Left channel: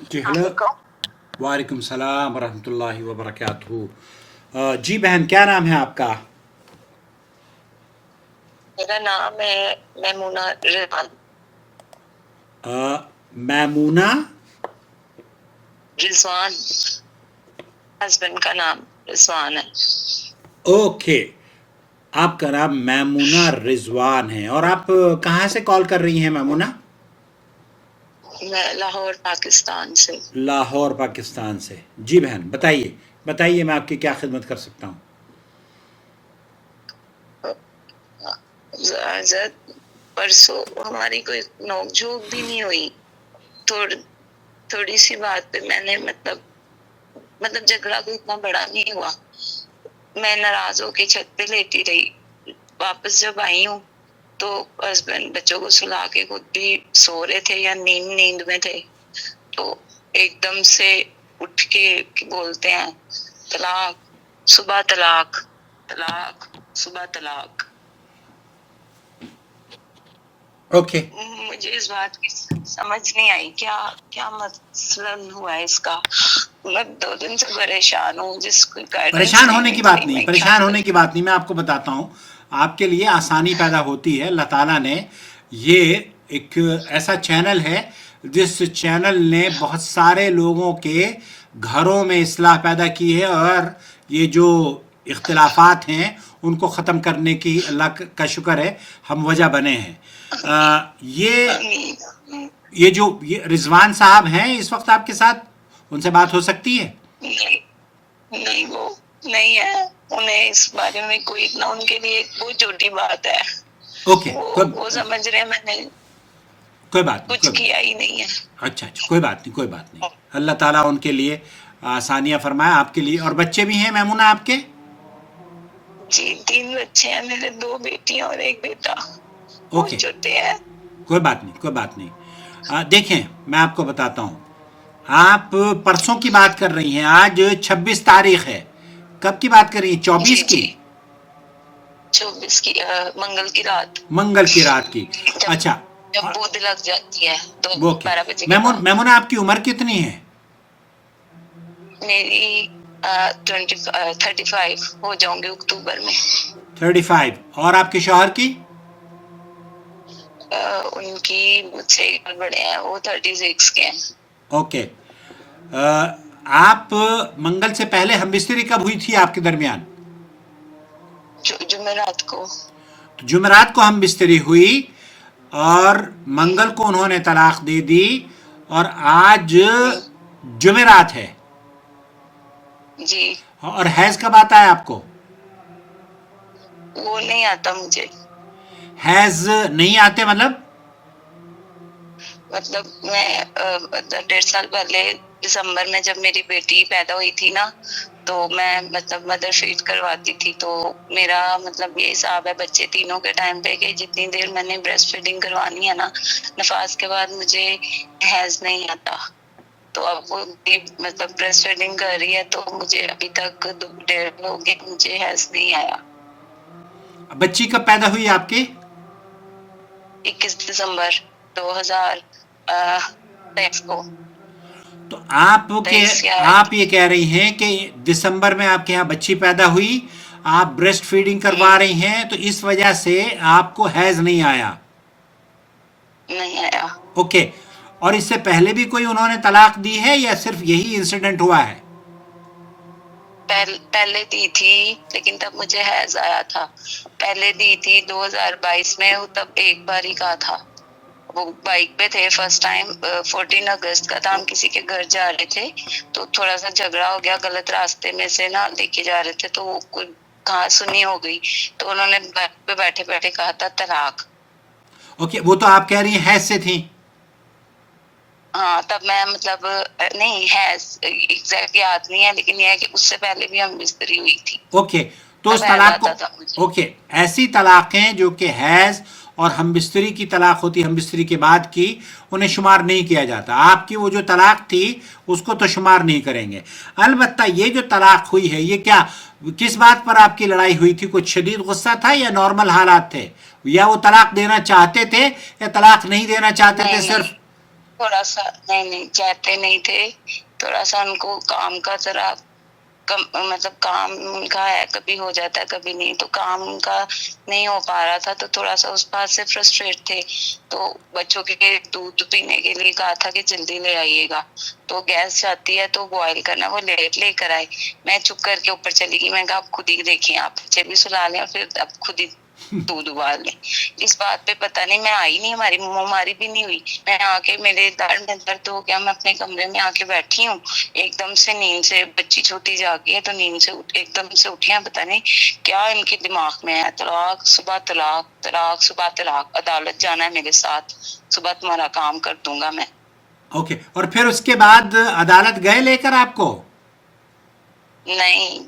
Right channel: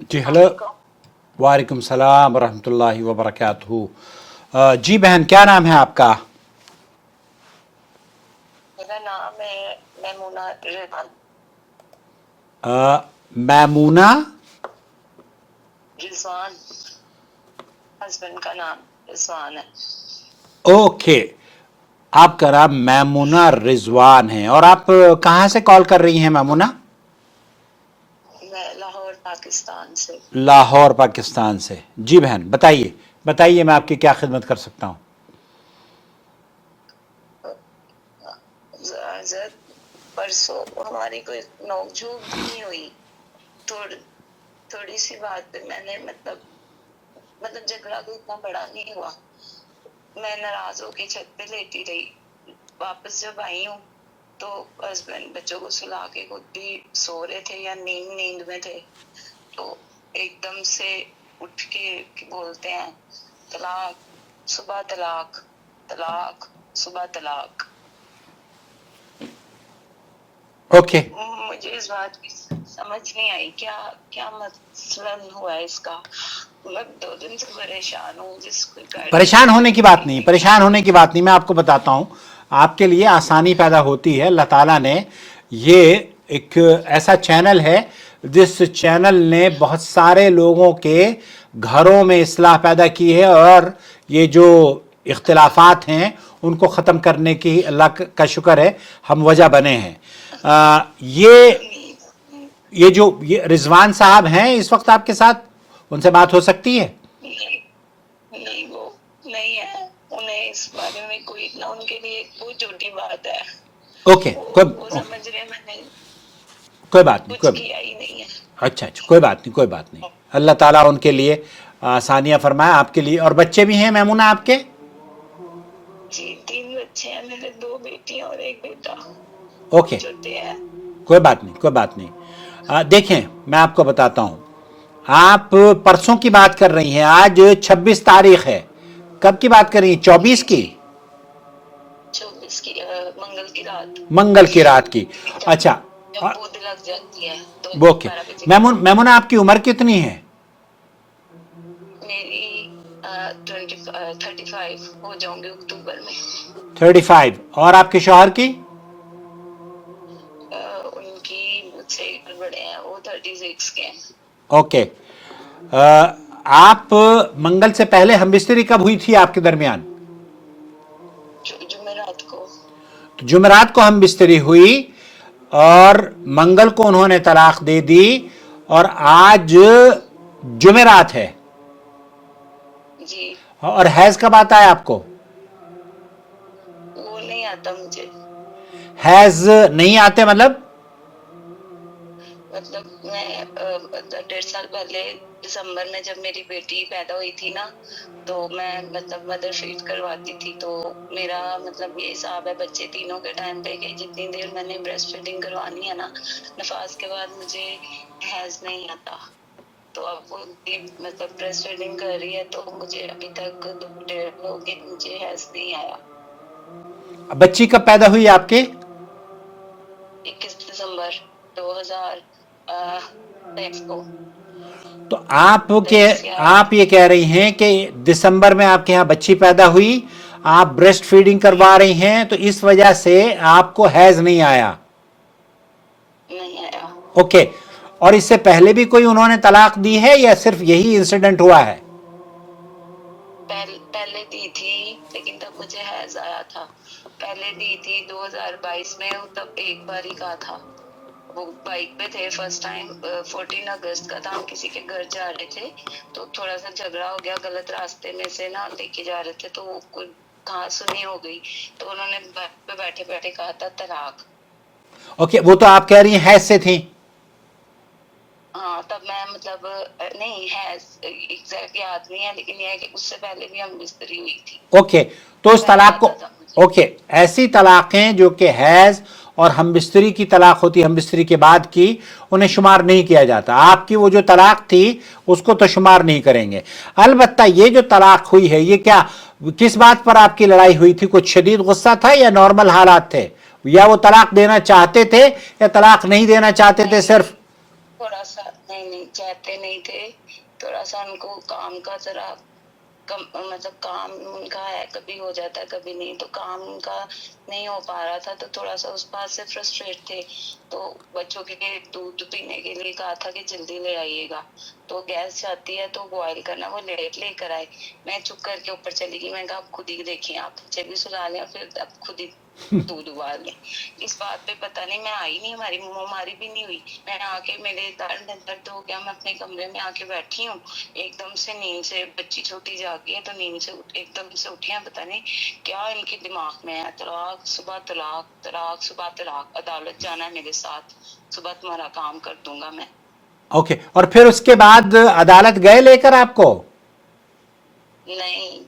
जी hello. वालेकुम। वालेकुम सलाम वरहमतुल्लाहि वबरकातुहू। जी बहन, क्या नाम है आपका? मेरा नाम है मैमूना रिजवान। मैमूना। रिजवान, हस्बैंड का नाम रिजवान है। ओके। आपका नाम मैमूना रिजवान है और आप कहाँ से कॉल कर रही हैं मैमूना? मैं लाहौर पाकिस्तान से। लाहौर पाकिस्तान से। जी बहन, बताइए बताइए, मैं आपकी क्या खिदमत कर सकता हूँ? हजरत, परसों हमारी कोई नोकझोंक भी नहीं हुई। थोड़ी थोड़ी सी बात पे मैंने मतलब झगड़ा कोई इतना बड़ा नहीं हुआ। मैं नाराज होके छत पे लेटी रही। वापस जब आई हूँ तो हस्बैंड बच्चों को सुला के खुद भी सो रहे थे या नींद में थे, तो एकदम से उठ के बोलते हैं तलाक, सुबह तलाक, तलाक, सुबह तलाक। ओके। मुझे इस बात की समझ नहीं आई, क्या क्या मसलन हुआ है इसका। मैं 2 दिन से परेशान हूँ, जिसको गाइडेंस परेशान दे होने रही की बात थी नहीं, मैं क्या परेशान होने करूँ। की बात नहीं, मैं आपको बताता हूँ। आपके लिए आसानी पैदा होती है। अल्लाह ताला ने ये एक ऐसा चैनल है जिस चैनल ने बहुत सारे लोगों के घरों में इस्लाह पैदा की है, और ये जो इख्तिलाफात हैं उनको ख़त्म करने की अल्लाह का शुक्र है हम वजह बने हैं। ये नहीं, ये रिजवान साहब हैं इस वक्त आपके साथ, उनसे बात हो सकती है? नहीं, नहीं, वो नहीं है। उन्हें इस बारे में कोई ना, उनके लिए बहुत छोटी बात है। ओके। वो समझ रहे हैं मैंने कोई बात नहीं, कुछ किया ही नहीं है। अच्छा अच्छा, कोई बात नहीं, कोई बात नहीं। अल्लाह ताला उनके लिए आसानियाँ फरमाए, आपके लिए। और बच्चे भी हैं मैमूना आपके? जी, 3 बच्चे हैं मेरे, 2 बेटियां और 1 बेटा। ओके। बहुत छोटे हैं। कोई बात नहीं, कोई बात नहीं। देखें, मैं आपको बताता हूँ। आप परसों की बात कर रही हैं, आज 26 तारीख है। कब की बात कर रही हैं? जी 24 की? जी, 24 की, मंगल की रात। मंगल की रात की। जब अच्छा। जब बूंद लग जाती है तो ओके। 12 बजे के बाद। मैमूना, आपकी उम्र कितनी है? मेरी 35 हो जाऊंगे अक्टूबर में। 35। और आपके शौहर की? उनकी मुझसे 1 साल बड़े हैं, वो 36 के हैं। ओके। आप मंगल से पहले हमबिस्तरी कब हुई थी आपके दरमियान? जुमेरात को। तो जुमेरात को हमबिस्तरी हुई, और मंगल को उन्होंने तलाक दे दी, और आज जुमेरात है। जी, और हैज कब आता है आपको? वो नहीं आता मुझे। हैज नहीं आते मतलब? मैं 1.5 साल पहले दिसंबर में जब मेरी बेटी पैदा हुई थी ना, तो मैं मदर फीड करवाती थी, तो मेरा ये हिसाब है बच्चे तीनों के टाइम पे कि जितनी देर मैंने ब्रेस्ट फीडिंग करवानी है ना, नफास के बाद मुझे हैज नहीं आता। तो अब वो ब्रेस्ट फीडिंग कर रही है, तो मुझे अभी तक 1.5 हो गए, मुझे हैज नहीं आया। बच्ची कब पैदा हुई आपके? 21 दिसंबर 2023 को। तो आप ये कह रही हैं कि दिसंबर में आपके यहाँ बच्ची पैदा हुई, आप ब्रेस्ट फीडिंग करवा रही हैं, तो इस वजह से आपको हैज नहीं आया। नहीं आया। ओके। और इससे पहले भी कोई उन्होंने तलाक दी है या सिर्फ यही इंसिडेंट हुआ है? पहले दी थी, लेकिन तब मुझे हैज आया था। पहले दी थी 2022 में, वो तब एक बार ही कहा था। वो बाइक पे थे फर्स्ट टाइम, 14 अगस्त का था, हम किसी के घर जा रहे थे, तो थोड़ा सा झगड़ा हो गया, गलत रास्ते में से ना लेके जा रहे थे, तो कोई कहा सुनी हो गई, तो उन्होंने बाइक पे बैठे बैठे कहा था तलाक। ओके, वो तो आप कह रही हैं हैज से थी। हाँ, तब मैं नहीं है, एग्जैक्ट याद नहीं है, लेकिन यह है कि उससे पहले भी हम मिस्त्री हुई थी। ओके। तो तब उस हैज तलाक को, आता था मुझे। ओके, ऐसी तलाकें जो कि हैज और हमबिस्तरी की तलाक होती है, हमबिस्तरी के बाद की, उन्हें शुमार नहीं किया जाता। आपकी वो जो तलाक थी उसको तो शुमार नहीं करेंगे। अलबत्ता ये जो तलाक हुई है, ये क्या, किस बात पर आपकी लड़ाई हुई थी? कुछ शदीद गुस्सा था या नॉर्मल हालात थे? या वो तलाक देना चाहते थे या तलाक नहीं देना चाहते थे नहीं, सिर्फ? थोड़ा सा नहीं नहीं कहते नहीं थे, थोड़ा सा उनको काम का जरा मतलब काम उनका है, कभी हो जाता है कभी नहीं, तो काम उनका नहीं हो पा रहा था, तो थोड़ा सा उस बात से फ्रस्ट्रेट थे। तो बच्चों के दूध पीने के लिए कहा था कि जल्दी ले आइएगा, तो गैस जाती है तो बॉयल करना, वो लेट लेकर आए। मैं चुप करके ऊपर चली गई, मैं कहा आप खुद ही देखिए, आप बच्चे भी सुला लें और फिर आप खुद ही दूध उबाल लें। इस बात पे पता नहीं मैं आई नहीं, हमारी मुँहमारी भी नहीं हुई। मैं आके मेरे दाढ़ में दर्द हो गया, मैं अपने कमरे में आके बैठी हूँ, एकदम से नींद से, बच्ची छोटी जागी है तो नींद से एकदम से उठी है, पता नहीं क्या इनके दिमाग में है, तलाक सुबह तलाक, तलाक सुबह तलाक, अदालत जाना है मेरे साथ, सुबह तुम्हारा काम कर दूंगा मैं। ओके, और फिर उसके बाद अदालत गए लेकर आपको? नहीं,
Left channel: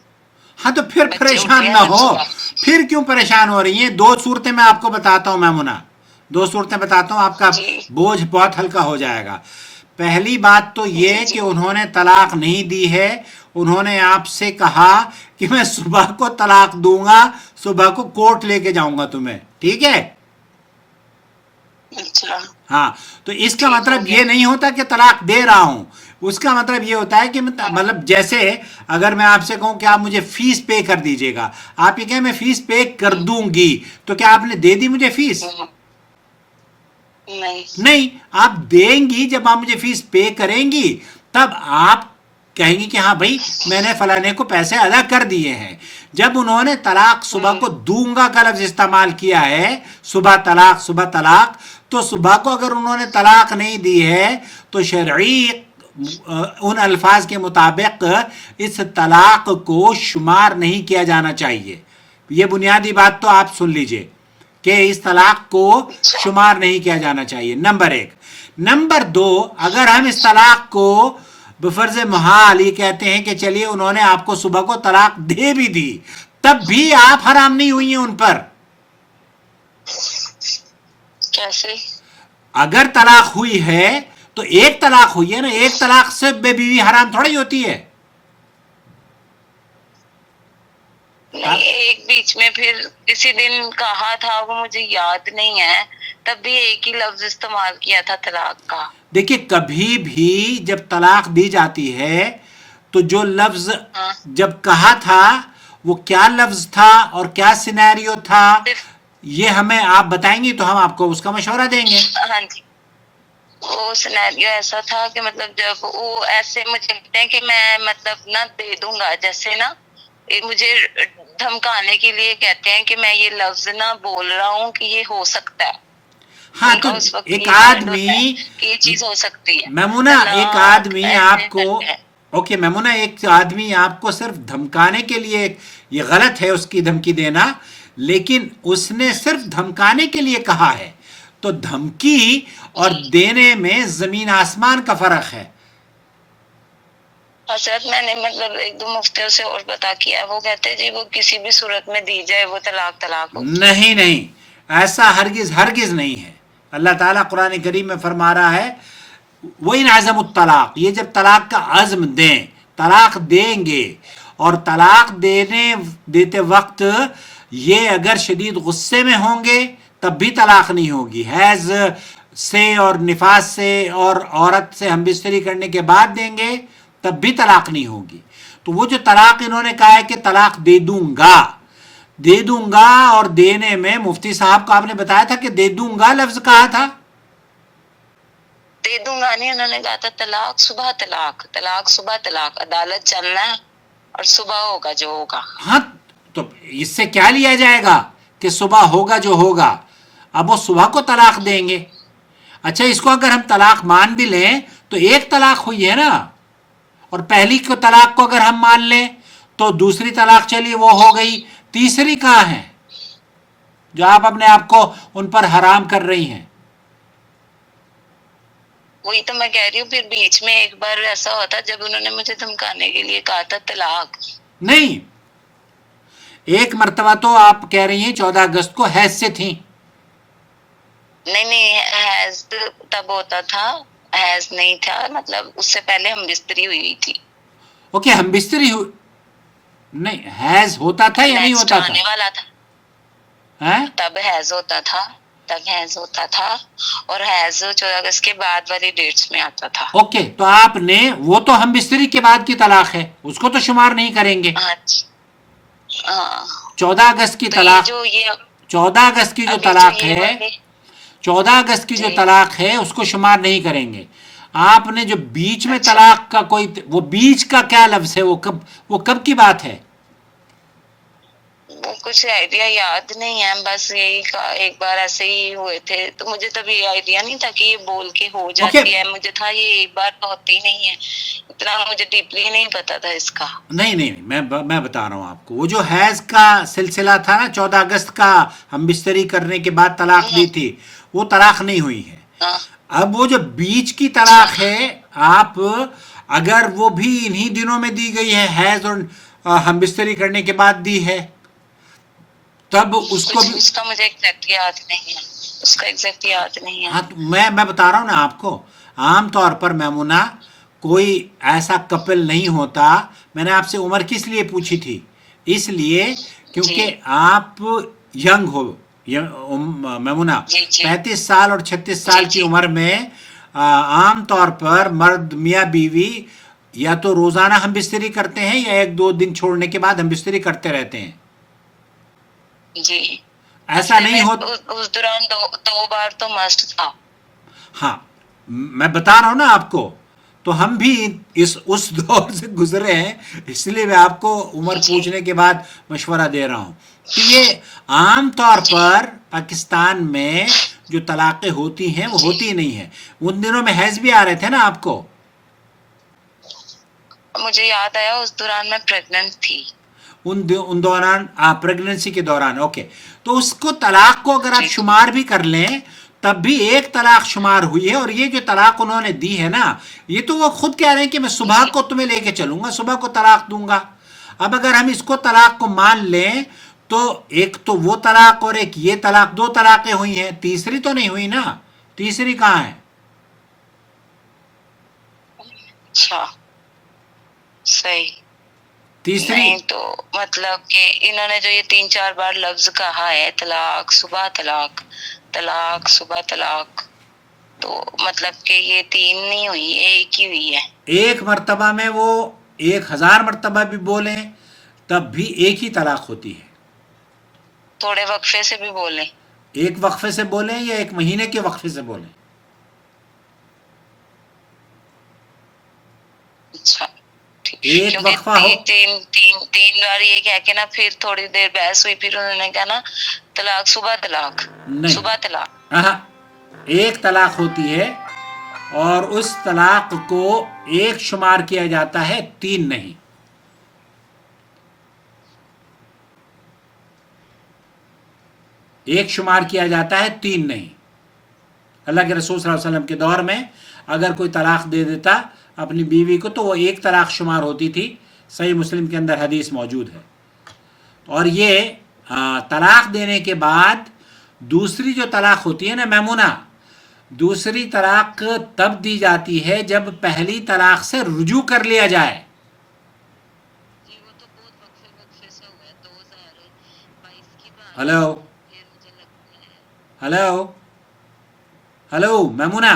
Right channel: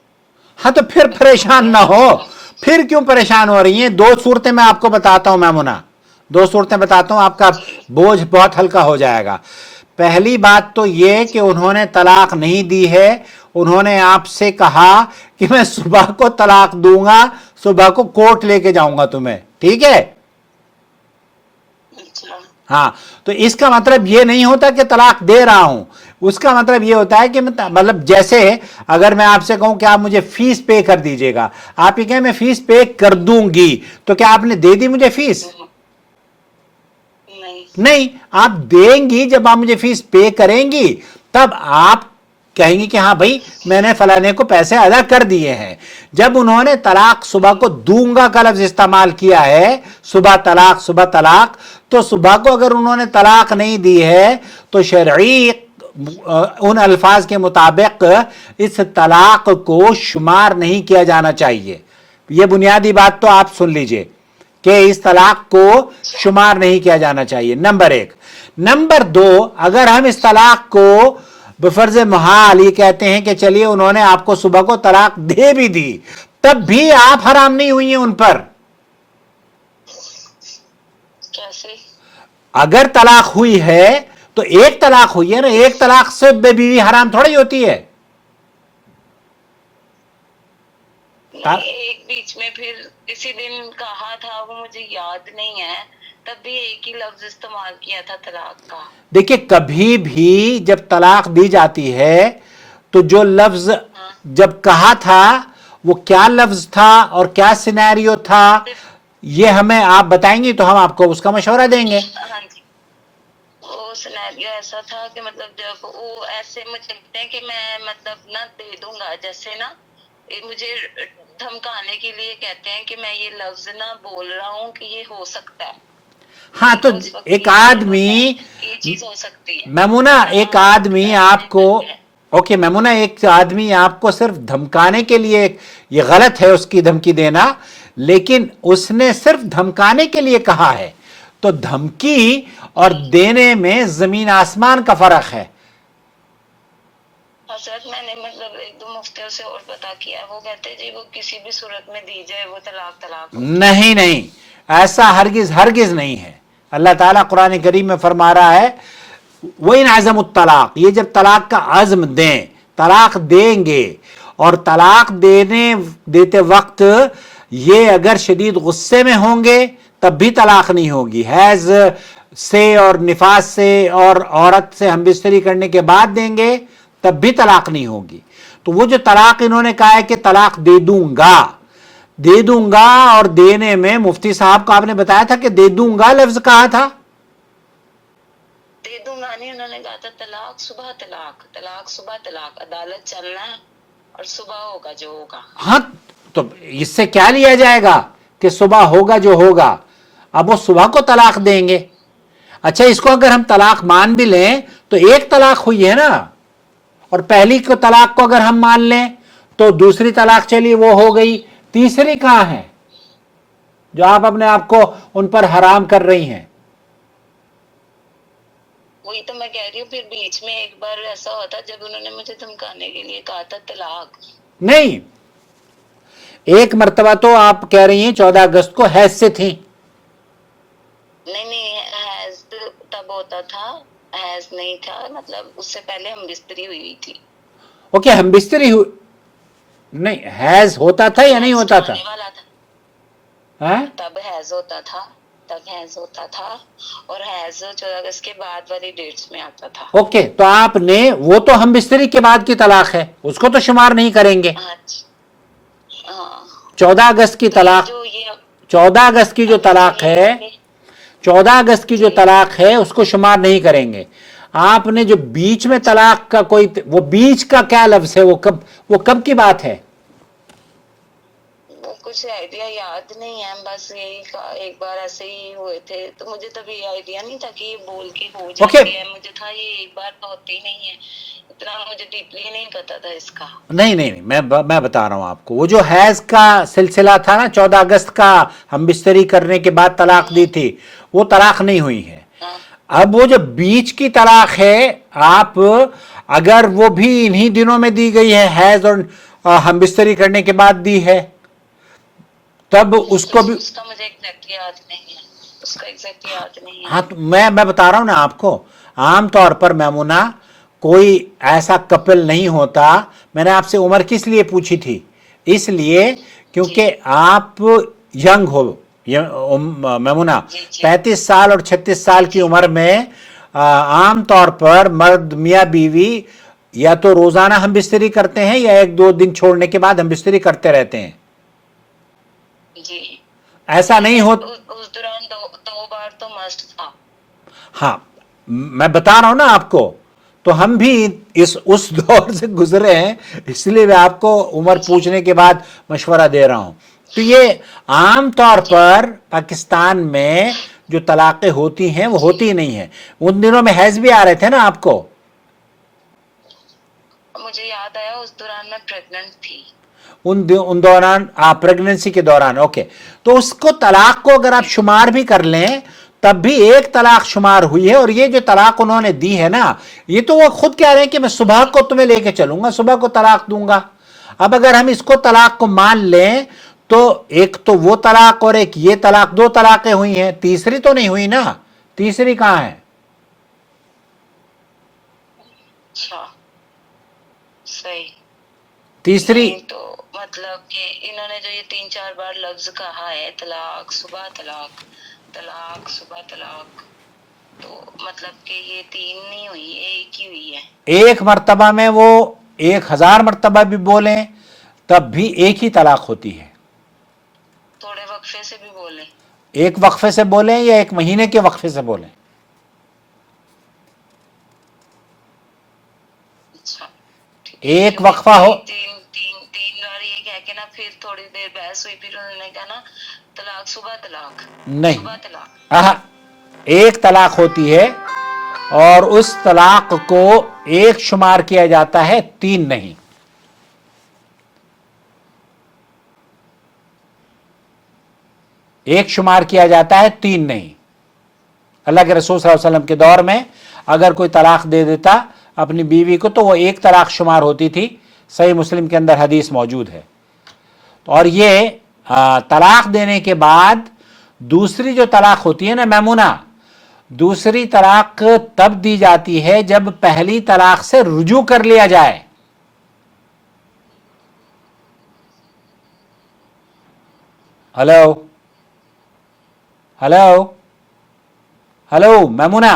हाँ, तो फिर बच्चे परेशान उठे ना हैं हो। सुबह। फिर क्यों परेशान हो रही हैं? दो सूरतें मैं आपको बताता हूं मैमुना, दो सूरतें बताता हूं, आपका जी बोझ बहुत हल्का हो जाएगा। पहली बात तो ये जी कि उन्होंने तलाक नहीं दी है, उन्होंने आपसे कहा कि मैं सुबह को तलाक दूंगा, सुबह को कोर्ट लेके जाऊंगा तुम्हें, ठीक है? अच्छा हाँ, तो इसका मतलब ये नहीं होता कि तलाक दे रहा हूं, उसका मतलब ये होता है कि मतलब जैसे अगर मैं आपसे कहूं कि आप मुझे फीस पे कर दीजिएगा, आप ये कहें मैं फीस पे कर दूंगी, तो क्या आपने दे दी मुझे फीस? नहीं नहीं, आप देंगी, जब आप मुझे फीस पे करेंगी तब आप कहेंगी कि हाँ भाई मैंने फलाने को पैसे अदा कर दिए हैं। जब उन्होंने तलाक सुबह को दूंगा का लफ्ज इस्तेमाल किया है, सुबह तलाक, तो सुबह को अगर उन्होंने तलाक नहीं दी है तो शरई उन अल्फाज के मुताबिक इस तलाक को शुमार नहीं किया जाना चाहिए। यह बुनियादी बात तो आप सुन लीजिए कि इस तलाक को शुमार नहीं किया जाना चाहिए, नंबर एक। नंबर दो, अगर हम इस तलाक को बफर्ज मुहाल ये कहते हैं कि चलिए उन्होंने आपको सुबह को तलाक दे भी दी, तब भी आप हराम नहीं हुई हैं उन पर। कैसे? अगर तलाक हुई है तो एक तलाक हुई है ना, एक तलाक से बीवी हराम थोड़ी होती है। नहीं, एक बीच में फिर किसी दिन कहा था, वो मुझे याद नहीं है, तब भी एक ही लफ्ज इस्तेमाल किया था तलाक का। देखिए, कभी भी जब तलाक दी जाती है तो जो लफ्ज हाँ जब कहा था वो क्या लफ्ज था और क्या सिनेरियो था, ये हमें आप बताएंगी तो हम आपको उसका मशवरा देंगे। हाँ जी, वो सिनेरियो ऐसा था कि मतलब जब वो ऐसे मुझे कहते हैं कि मैं मतलब ना दे दूंगा, जैसे ना मुझे धमकाने के लिए कहते हैं कि मैं ये लफ्ज ना बोल रहा हूँ कि ये हो सकता है। हाँ, तो उनका उस वक्त एक ये वर्ड होता है आदमी, कि ये चीज हो सकती है, मैमुना एक तलाक आदमी ऐसे आपको, करके है। ओके मैमुना, एक आदमी आपको सिर्फ धमकाने के लिए, ये गलत है उसकी धमकी देना, लेकिन उसने सिर्फ धमकाने के लिए कहा है, तो धमकी और देने में जमीन आसमान का फर्क है। हजरत मैंने मतलब एक दो मुफ्तियों से और पता किया, वो कहते हैं जी वो किसी भी सूरत में दी जाए वो तलाक तलाक होती है। नहीं नहीं, ऐसा हरगिज हरगिज नहीं है। अल्लाह ताला कुरान करीम में फरमा रहा है वही नाज़म तलाक, ये जब तलाक का अज़्म दें, तलाक देंगे, और तलाक देते वक्त ये अगर शदीद गुस्से में होंगे तब भी तलाक नहीं होगी। हैज से और निफास से और औरत से हम बिस्तरी करने के बाद देंगे तब भी तलाक नहीं होगी। तो वो जो तलाक इन्होंने कहा है कि तलाक दे दूंगा, और देने में मुफ्ती साहब को आपने बताया था कि दे दूंगा लफ्ज कहा था, दे दूंगा नहीं, उन्होंने कहा था तलाक सुबह तलाक, तलाक सुबह तलाक, अदालत चलना है और सुबह होगा जो होगा। हाँ, तो इससे क्या लिया जाएगा कि सुबह होगा जो होगा, अब वो सुबह को तलाक देंगे। अच्छा, इसको अगर हम तलाक मान भी लें तो एक तलाक हुई है ना, और पहली को तलाक को अगर हम मान लें तो दूसरी तलाक चली वो हो गई, तीसरी कहाँ है जो आप अपने आप को उन पर हराम कर रही हैं? वही तो मैं कह रही हूँ, फिर बीच में एक बार ऐसा हुआ था जब उन्होंने मुझे धमकाने के लिए कहा था तलाक। नहीं, एक मर्तबा तो आप कह रही हैं 14 अगस्त को हैज से थी। नहीं, हैज तब होता था, हैज नहीं था, मतलब उससे पहले हम बिस्तरी हुई थी। ओके, हम बिस्तरी नहीं, हैज होता था या नहीं होता था? आने वाला था, हैं? तब हैज होता था। तक हैज होता था और हैज 14 अगस्त के बाद वाली डेट्स में आता था। ओके, तो आपने, वो तो हम बिस्तरी के बाद की तलाक है, उसको तो शुमार नहीं करेंगे। हाँ जी, हाँ। 14 अगस्त की तो ये तलाक, जो ये 14 अगस्त की जो अभी जो तलाक ये है, वाले 14 अगस्त की जो जी तलाक है उसको शुमार नहीं करेंगे। आपने जो बीच में अच्छा, तलाक का कोई, वो बीच का क्या लफ्ज है, वो कब की बात है? वो कुछ आइडिया याद नहीं है, बस यही एक बार ऐसे ही हुए थे, तो मुझे तभी आइडिया नहीं था कि ये बोल के हो ओके, जाती है। मुझे था ये एक बार तो होती नहीं है, इतना मुझे डीपली नहीं पता था इसका। नहीं नहीं नहीं, मैं बता रहा हूं आपको, वो जो हैज का सिलसिला था ना, 14 अगस्त का हम बिस्तरी करने के बाद तलाक दी हम्म, थी, वो तलाक नहीं हुई है। हाँ, अब वो जो बीच की अच्छा, तलाक है, आप, अगर वो भी इन्हीं दिनों में दी गई है, हैज और हम बिस्तरी करने के बाद दी है, तब उसको कुछ भी, उसका मुझे एग्जैक्ट याद नहीं है, उसका एग्जैक्ट याद नहीं है। हाँ, तो मैं बता रहा हूं ना आपको, आमतौर पर मैमुना, कोई ऐसा कपल नहीं होता। मैंने आपसे उम्र किस लिए पूछी थी? इसलिए जी क्योंकि आप यंग हो, मैमुना, जी जी 35 साल और 36 जी साल की जी। उम्र में आमतौर पर मर्द मियाँ बीवी या तो रोजाना हम बिस्तरी करते हैं या एक दो दिन छोड़ने के बाद हम बिस्तरी करते रहते हैं। जी ऐसा हफ्ते नहीं में हो, उस दौरान दो बार तो मस्ट था। हाँ, मैं बता रहा हूं ना आपको, तो हम भी इस उस दौर से गुजरे हैं, इसलिए मैं आपको उम्र जी पूछने के बाद मशवरा दे रहा हूं। तो ये आम तौर जी पर पाकिस्तान में जो तलाक़ें होती हैं वो जी। होती नहीं है। उन दिनों में हैज भी आ रहे थे ना आपको? मुझे याद आया उस दौरान मैं प्रेग्नेंट थी। उन दौरान, प्रेगनेंसी के दौरान, ओके। तो उसको, तलाक को अगर आप जी शुमार भी कर लें, तब भी एक तलाक शुमार हुई है। और ये जो तलाक उन्होंने दी है ना, ये तो वो खुद कह रहे हैं कि मैं सुबह जी को तुम्हें लेके चलूंगा, सुबह को तलाक दूंगा। अब अगर हम इसको तलाक को मान लें, तो एक तो वो तलाक और एक ये तलाक, दो तलाकें हुई हैं, तीसरी तो नहीं हुई ना। तीसरी कहां है? अच्छा, सही। तीसरी, नहीं तो मतलब कि इन्होंने जो ये 3-4 बार लफ्ज कहा है, तलाक सुबह तलाक, तलाक सुबह तलाक, तो मतलब कि ये 3 नहीं हुई, एक ही हुई है। एक मर्तबा में वो 1000 मर्तबा भी बोलें, तब भी एक ही तलाक होती है। थोड़े वक्फे से भी बोले। एक वक्फे से बोलें या एक महीने के वक्फे से बोलें। अच्छा, ठीक। एक क्योंकि वक्फा हो, तीन बार ये कह के ना, फिर थोड़ी देर बहस हुई, फिर उन्होंने कहा ना तलाक सुबह तलाक, नहीं, सुबह तलाक। आहा, एक तलाक होती है, और उस तलाक को एक शुमार किया जाता है, तीन नहीं। एक शुमार किया जाता है, तीन नहीं। अल्लाह के रसूल सल्लल्लाहु अलैहि वसल्लम के दौर में अगर कोई तलाक दे देता अपनी बीवी को, तो वो एक तलाक शुमार होती थी। सही मुस्लिम के अंदर हदीस मौजूद है। और ये तलाक देने के बाद दूसरी जो तलाक होती है ना मैमुना, दूसरी तलाक तब दी जाती है जब पहली तलाक से रुजू कर लिया जाए। जी वो तो बहुत वक्फे वक्फे से हुआ है, 2022 की बात है, हेलो, फिर मुझे लगता है। हेलो, हेलो मैमुना,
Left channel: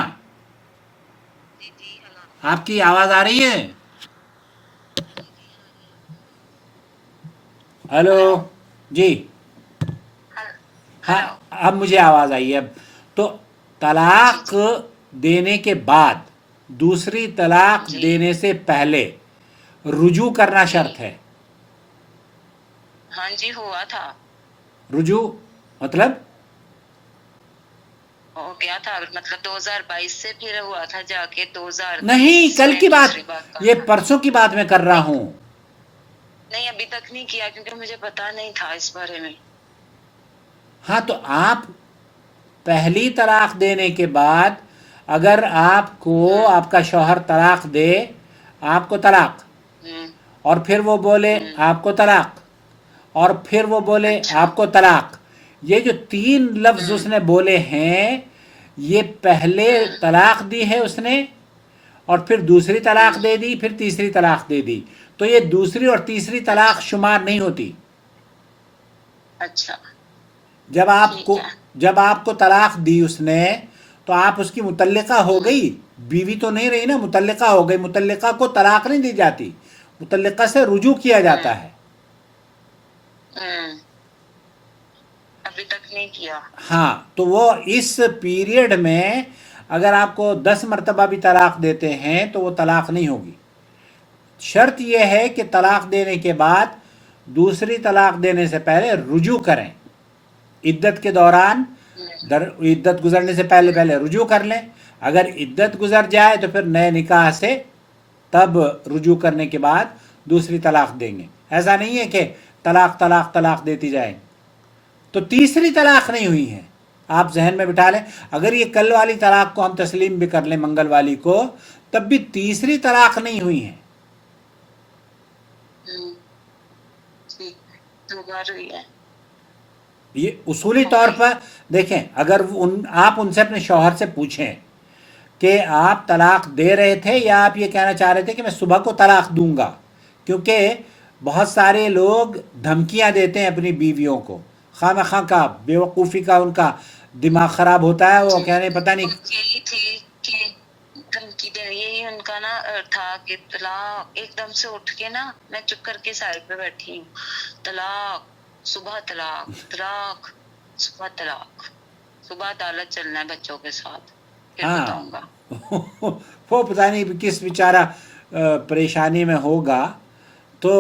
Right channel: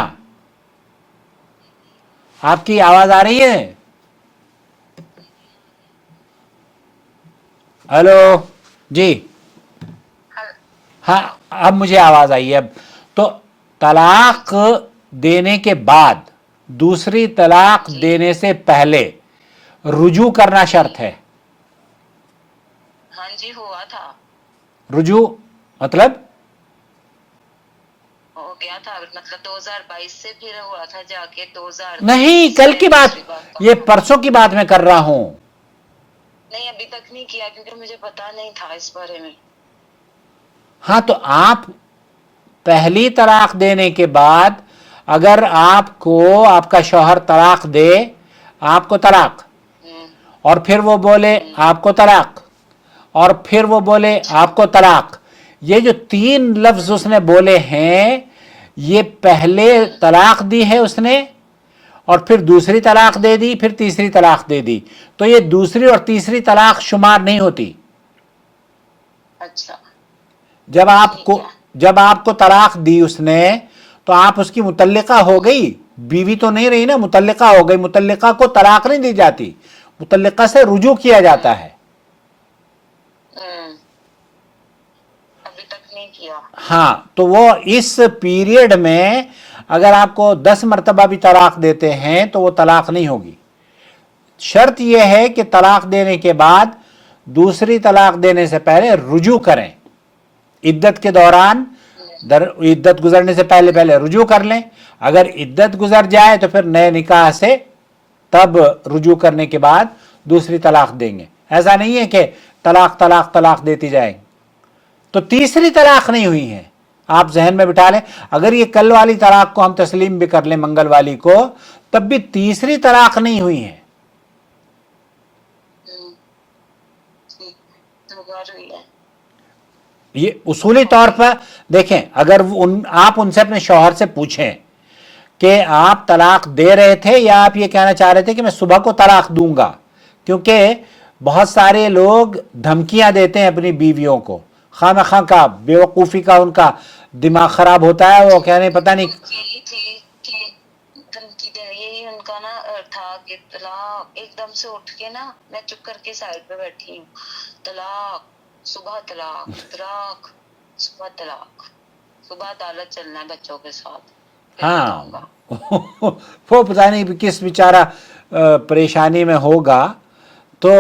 जी जी हाँ। आपकी आवाज आ रही है? जी जी हाँ हेलो जी, हाँ। हाँ, हेलो। अब मुझे आवाज आई है। अब तो जी तलाक जी देने के बाद दूसरी तलाक जी देने से पहले रुजू करना जी। शर्त है। हाँ जी हुआ था, रुजू मतलब, हो गया था, मतलब 2022 से फिर हुआ था जाके नहीं, 2023 कल में की दूसरी बात, बार ये कहा था। परसों की बात मैं कर रहा हूं। नहीं अभी तक नहीं किया क्योंकि मुझे पता नहीं था इस बारे में। हाँ, तो आप पहली तलाक देने के बाद अगर आपको आपका शौहर तलाक दे, आपको तलाक, हम्म और फिर वो बोले हम्म। आपको तलाक, और फिर वो बोले अच्छा। आपको तलाक, ये जो तीन लफ्ज हम्म उसने बोले हैं, ये पहले हम्म तलाक दी है उसने, और फिर दूसरी तलाक हम्म। दे दी, फिर तीसरी तलाक दे दी। तो ये दूसरी और तीसरी तलाक शुमार नहीं होती। अच्छा जब आपको, ठीक है। जब आपको तलाक दी उसने तो आप उसकी मुतल्लिका हो गई, बीवी तो नहीं रही ना, मुतल्लिका हो गई। मुतल्लिका को तलाक नहीं दी जाती, मुतल्लिका से रुजू किया जाता है। अभी तक नहीं किया। हाँ, तो वो इस पीरियड में अगर आपको 10 मरतबा भी तलाक देते हैं तो वो तलाक नहीं होगी। शर्त यह है कि तलाक देने के बाद दूसरी तलाक देने से पहले रुजू करें। इद्दत के दौरान, इद्दत गुजरने से पहले पहले रुजू कर लें। अगर इद्दत गुजर जाए तो फिर नए निकाह से तब रुजू करने के बाद दूसरी तलाक देंगे। ऐसा नहीं है कि तलाक तलाक तलाक देती जाए। तो तीसरी तलाक नहीं हुई है, आप जहन में बिठा लें। अगर ये कल वाली तलाक को हम तस्लीम भी कर लें, मंगल वाली को, तब भी तीसरी तलाक नहीं हुई है। ये उसूली तौर पर देखें, अगर आप उनसे अपने शौहर से पूछें कि आप तलाक दे रहे थे या आप ये कहना चाह रहे थे कि मैं सुबह को तलाक दूंगा, क्योंकि बहुत सारे लोग धमकियां देते हैं अपनी बीवियों को, खामखा का बेवकूफ़ी का उनका दिमाग खराब होता है। वो कह रहे पता नहीं, यही थी कि धमकी देने, यही उनका ना था कि तलाक। एकदम से उठ के ना मैं चुप करके साइड पे बैठी हूँ, तलाक सुबह, तलाक तलाक सुबह, तलाक सुबह, अदालत चलना है बच्चों के साथ। हाँ वो पता नहीं किस बेचारा परेशानी में होगा। तो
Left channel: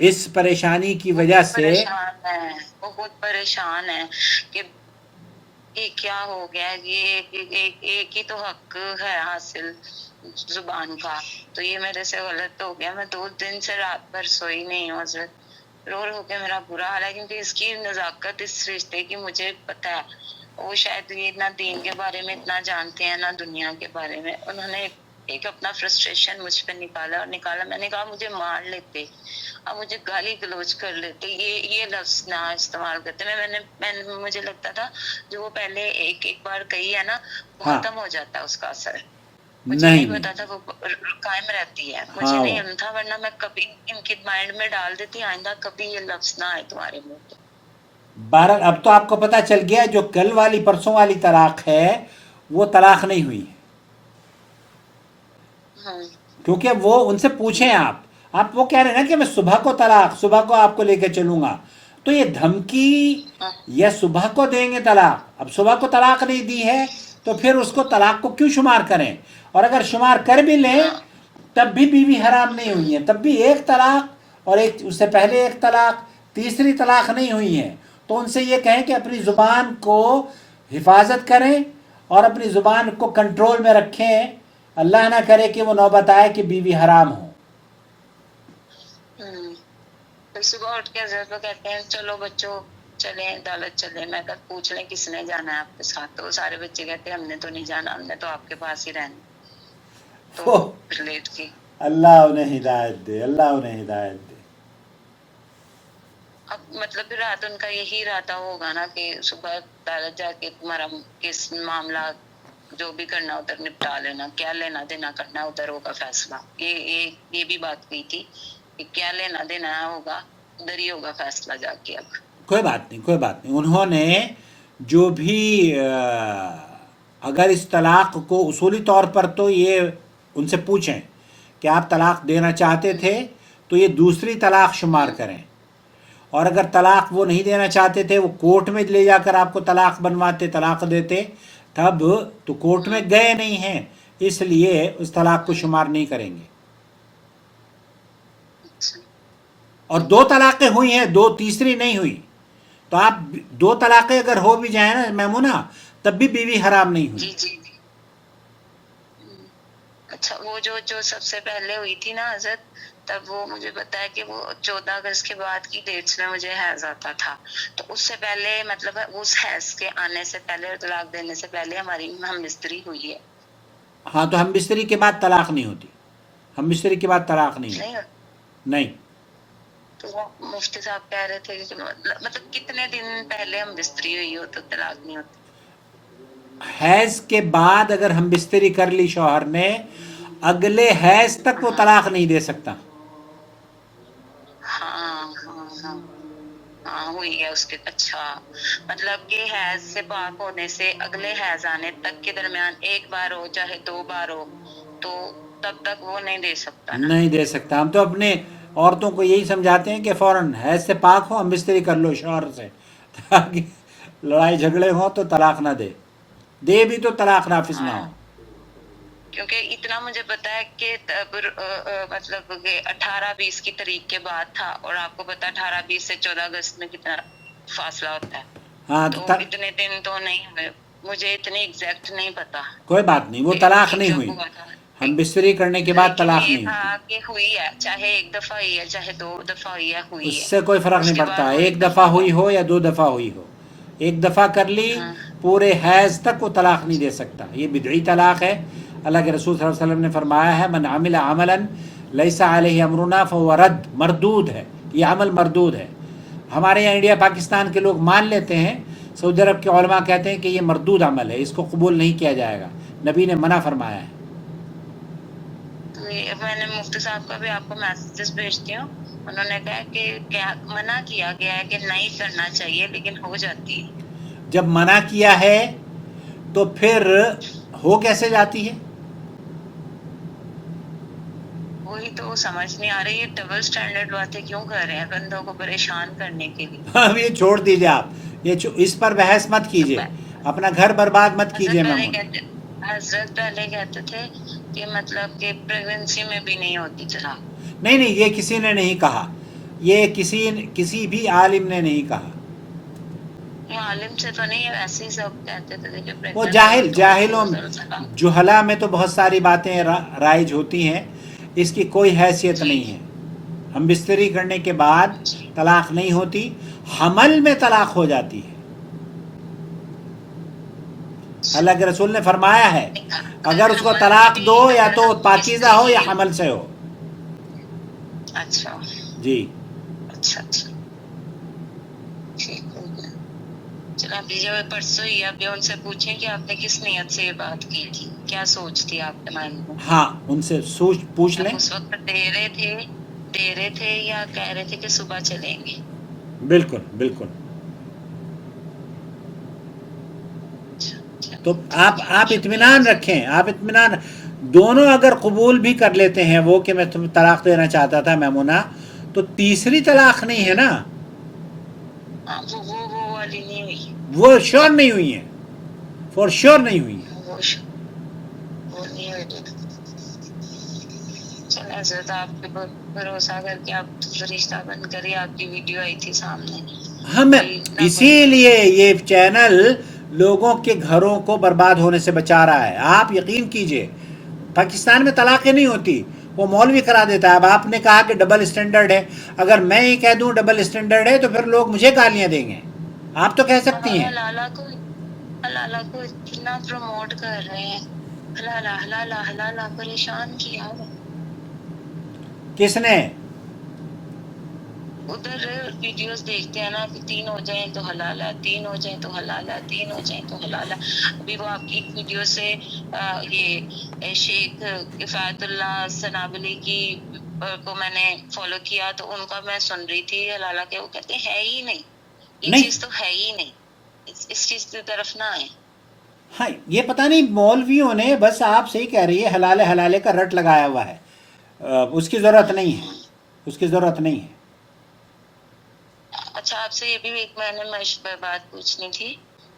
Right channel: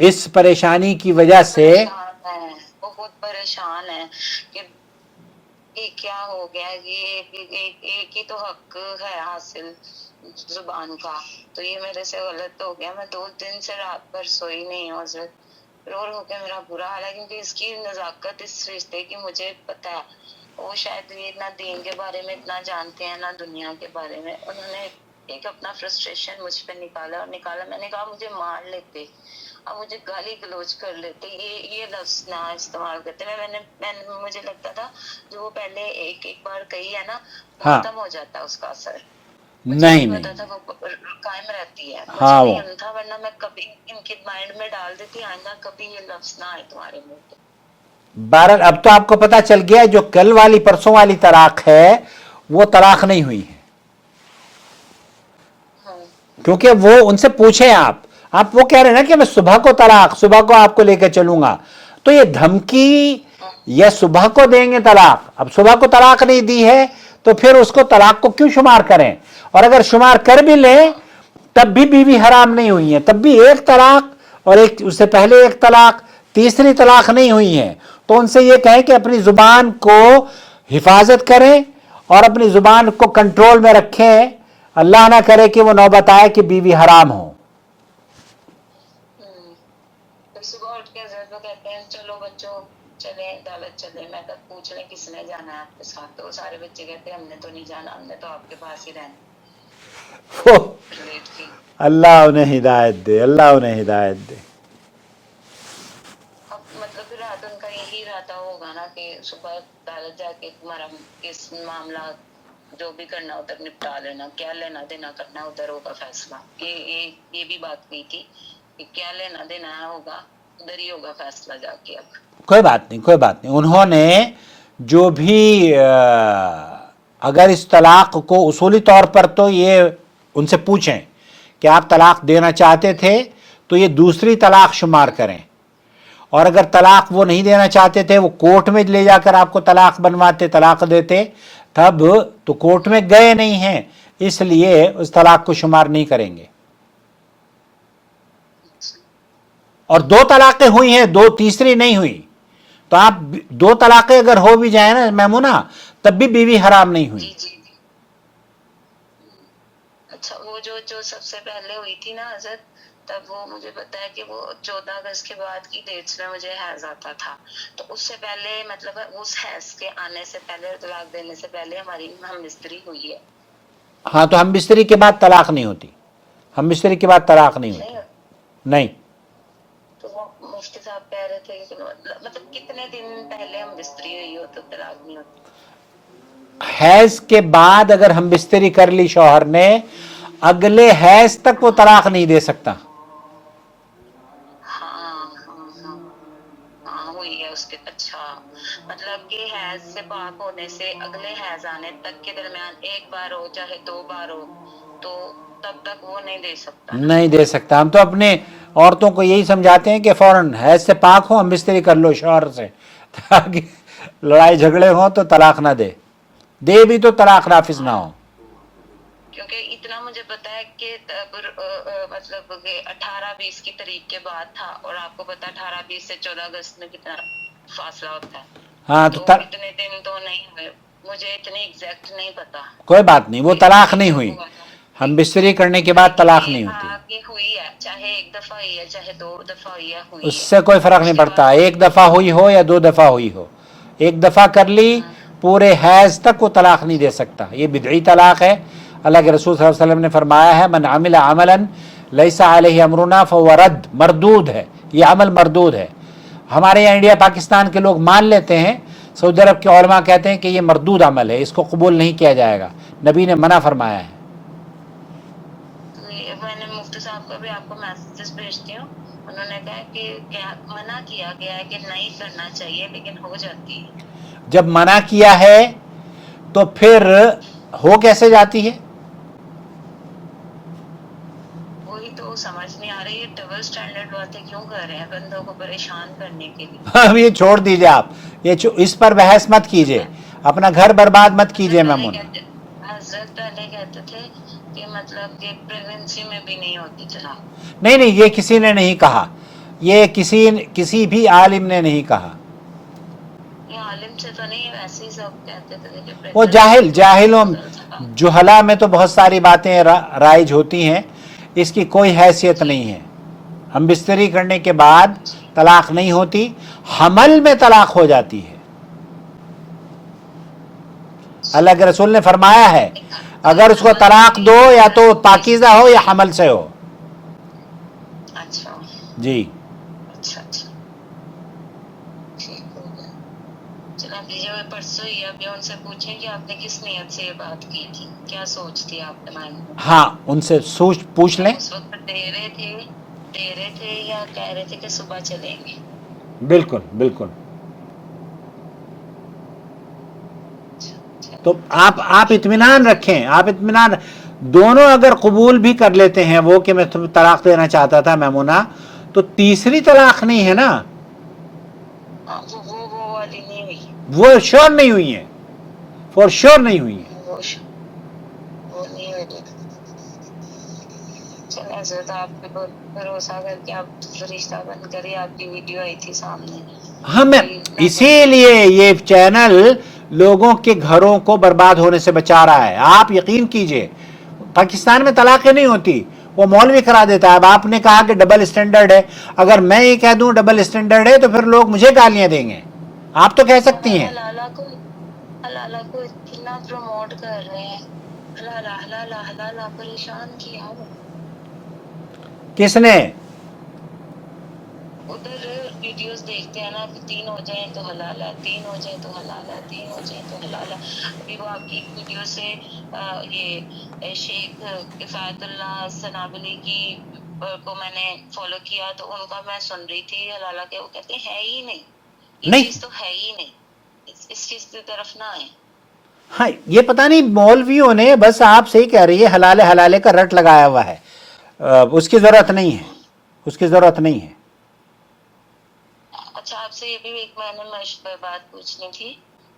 इस परेशानी की वजह से वो बहुत परेशान है कि ये क्या हो गया, ये एक ही तो हक है हासिल जुबान का, तो ये मेरे से गलत हो गया। मैं 2 दिन से रात भर सोई नहीं हूँ हज़रत, रो रो के मेरा बुरा हाल है। क्योंकि इसकी नज़ाकत इस रिश्ते की मुझे पता है। वो शायद ये ना दीन के बारे में इतना जानते हैं ना दुनिया के बारे में। उन्होंने एक अपना फ्रस्ट्रेशन मुझ पे निकाला। मैंने कहा मुझे मार लेते, अब मुझे गाली गलौज कर लेते, ये लफ्ज ना इस्तेमाल करते। मैंने मुझे लगता था जो वो पहले एक बार कही है ना, हाँ, खत्म हो जाता है उसका असर। नहीं मुझे पता था वो कायम रहती है। मुझे हाँ, नहीं था, वरना मैं कभी इनके माइंड में डाल देती, आइंदा कभी ये लफ्ज ना आए तुम्हारे मुंह पे। बहरहाल अब तो आपको पता चल गया जो कल वाली परसों वाली तलाक है वो तलाक नहीं हुई है, क्योंकि वो उनसे पूछे आप वो कह रहे हैं ना कि मैं सुबह को आपको लेकर चलूंगा, तो ये धमकी या सुबह को देंगे तलाक। अब सुबह को तलाक नहीं दी है तो फिर उसको तलाक को क्यों शुमार करें? और अगर शुमार कर भी ले तब भी बीवी हराम नहीं हुई है, तब भी एक तलाक और एक उससे पहले एक तलाक, तीसरी तलाक नहीं हुई है। तो उनसे ये कहें कि अपनी जुबान को हिफाजत करें और अपनी जुबान को कंट्रोल में रखें। अल्लाह ना करे कि वो नौबत आए कि बीवी हराम हो। सुबह उठ के हज़रत को कहते हैं चलो बच्चों चले अदालत चले। मैं कल पूछ लें किसने जाना है आपके साथ, तो सारे बच्चे कहते हैं हमने तो नहीं जाना, हमने तो आपके पास ही रहना। तो लेट की अल्लाह उन्हें हिदायत दे, अल्लाह उन्हें हिदायत दे। अब मतलब फिर रात उनका यही रहता होगा ना कि सुबह अदालत जाके तुम्हारा किस मामला जो भी करना उधर निपटा लेना, क्या लेना देना करना उधर होगा फैसला। ये भी बात हुई थी कि क्या लेना देना होगा उधर ही होगा फैसला जाके। अब कोई बात नहीं। उन्होंने जो भी अगर इस तलाक को उसूली तौर पर तो ये उनसे पूछें कि आप तलाक देना चाहते थे तो ये दूसरी तलाक शुमार करें, और अगर तलाक वो नहीं देना चाहते थे, वो कोर्ट में ले जाकर आपको तलाक बनवाते, तलाक देते, तब तो कोर्ट में गए नहीं हैं, इसलिए उस तलाक को शुमार नहीं करेंगे। और 2 तलाकें हुई हैं, 2 तीसरी नहीं हुई। तो आप 2 तलाकें अगर हो भी जाए ना मैमूना, तब भी बीवी हराम नहीं हुई। जी। अच्छा, वो जो सबसे पहले हुई थी ना हज़रत, तब वो मुझे पता है कि वो 14 अगस्त के बाद की डेट्स में मुझे हैज आता था। तो उससे पहले मतलब उस हैज के आने से पहले, तलाक देने से पहले हमारी हम मिस्त्री हुई है। हाँ, तो हम मिस्त्री के बाद तलाक नहीं होती, हम मिस्त्री के बाद तलाक नहीं होती। नहीं। तो वो मुफ्ती साहब कह रहे थे कि मतलब कितने दिन पहले हम बिस्तरी हुई हो तो तलाक नहीं होती? हैज के बाद अगर हम बिस्तरी कर ली शौहर ने, अगले हैज तक वो तलाक नहीं दे सकता। हाँ, हुई है اس کے اچھا مطلب کہ حیض سے پاک ہونے سے اگلے حیض آنے تک کے درمیان ایک بار ہو چاہے 2 بار ہو تو تب تک وہ نہیں دے سکتا نا. نہیں دے سکتا. ہم تو اپنے عورتوں کو یہی سمجھاتے ہیں کہ فوراً حیض سے پاک ہو ہم بستری کر لو شوہر سے تاکہ لڑائی جھگڑے ہوں تو طلاق نہ دے بھی تو طلاق نافذ نہ ہو. کیونکہ اتنا مجھے پتا ہے کہ مطلب کہ 18-20 کی تاریخ کے بعد تھا اور آپ کو پتا 18-20 سے 14 اگست میں کتنا فاصلہ ہوتا ہے. ہاں تو اتنے دن تو نہیں ہوئے, مجھے اتنی ایگزیکٹ نہیں پتا. کوئی بات نہیں, وہ طلاق نہیں ہوئی. ہم بستری کرنے کے بعد طلاق نہیں ہوتی. کہ ہوئی ہے چاہے ایک دفعہ ہوئی ہے چاہے 2 دفعہ ہوئی ہے ہوئی اس ہے, سے کوئی فرق نہیں پڑتا, ایک دفعہ ہوئی ہو یا 2 دفعہ ہوئی ہو. ایک دفعہ کر لی پورے حیض تک وہ طلاق نہیں دے سکتا. یہ بدعی طلاق ہے. اللہ کے رسول صلی اللہ علیہ وسلم نے فرمایا ہے من عمل عملا لیس علیہ امرنا فهو رد, مردود ہے, یہ عمل مردود ہے. ہمارے یہاں انڈیا پاکستان کے لوگ مان لیتے ہیں, سعودی عرب کے علماء کہتے ہیں کہ یہ مردود عمل ہے, اس کو قبول نہیں کیا جائے گا. نبی نے منع فرمایا ہے. میں نے مفتی صاحب کا بھی آپ کو میسیجز بھیجتی ہوں, انہوں نے کہا کہ منع کیا گیا ہے کہ نہیں کرنا چاہیے لیکن ہو جاتی ہے. جب منع کیا ہے تو پھر ہو کیسے جاتی ہے؟ وہی تو سمجھ نہیں آ رہی, یہ ڈبل سٹینڈرڈ باتیں کیوں کر رہے ہیں بندوں کو پریشان کرنے کے لیے. اب یہ چھوڑ دیجئے, آپ یہ اس پر بحث مت کیجئے, اپنا گھر برباد مت کیجئے. حضرت پہلے کہتے تھے کہ مطلب کہ پریگننسی میں بھی نہیں ہوتی طلاق. نہیں, یہ کسی نے نہیں کہا, یہ کسی بھی عالم نے نہیں کہا. یہ عالم سے تو نہیں, ویسے ہی سب کہتے تھے. وہ جاہلوں جہلا میں تو بہت ساری باتیں رائج ہوتی ہیں, اس کی کوئی حیثیت نہیں ہے. ہم بستری کرنے کے بعد طلاق نہیں ہوتی, حمل میں طلاق ہو جاتی ہے. اللہ کے رسول نے فرمایا ہے اگر اس کو طلاق دو یا تو پاکیزہ ہو یا حمل سے ہو. اچھا جی اچھا چلو اب جو پرسوں ہی ابھی ان سے پوچھیں کہ آپ نے کس نیت سے یہ بات کی تھی, کیا سوچ تھی آپ کے مائنڈ میں. ہاں, ان سے پوچھ لیں. اس وقت دے رہے تھے یا کہہ رہے تھے کہ صبح چلیں گے. بالکل بالکل. تو آپ اطمینان رکھیں, دونوں اگر قبول بھی کر لیتے ہیں وہ کہ میں تمہیں طلاق دینا چاہتا تھا میمونہ, تو تیسری طلاق نہیں ہے نا, وہ والی نہیں ہوئی, وہ شور نہیں ہوئی ہے, فور شور نہیں ہوئی ہے. وہ نہیں ہوئی. چلیں حضرت آپ پہ بھروسہ کر کے آپ رشتہ بند کریں, آپ کی ویڈیو آئی تھی سامنے. ہم اسی لیے یہ چینل لوگوں کے گھروں کو برباد ہونے سے بچا رہا ہے. آپ یقین کیجئے پاکستان میں طلاقیں نہیں ہوتی, وہ مولوی کرا دیتا ہے. اب آپ نے کہا کہ ڈبل اسٹینڈرڈ ہے, اگر میں یہ کہہ دوں ڈبل اسٹینڈرڈ ہے تو پھر لوگ مجھے گالیاں دیں گے. آپ تو کہہ سکتی ہیں حلالہ کو اتنا پروموٹ کر رہے ہیں, حلالہ پریشان کیا. کس نے؟ ادھر ویڈیوز دیکھتے ہیں نا کہ 3 ہو جائیں تو حلال ہے, 3 ہو جائیں تو حلال ہے, 3 ہو جائیں تو حلال ہے. ابھی وہ آپ کی ویڈیو سے یہ شیخ کفایت اللہ سنابلی کی کو میں نے فالو کیا تو ان کا میں سن رہی تھی حلالہ کے, وہ کہتے ہیں ہے ہی نہیں, یہ چیز تو ہے ہی نہیں, اس چیز کی طرف نہ آئے. ہاں, یہ پتہ نہیں مولویوں نے بس آپ سے ہی کہہ رہی ہے حلالے کا رٹ لگایا ہوا ہے. اس کی ضرورت نہیں ہے, اس کی ضرورت نہیں ہے. اچھا آپ سے یہ بھی ایک میں نے بات پوچھنی تھی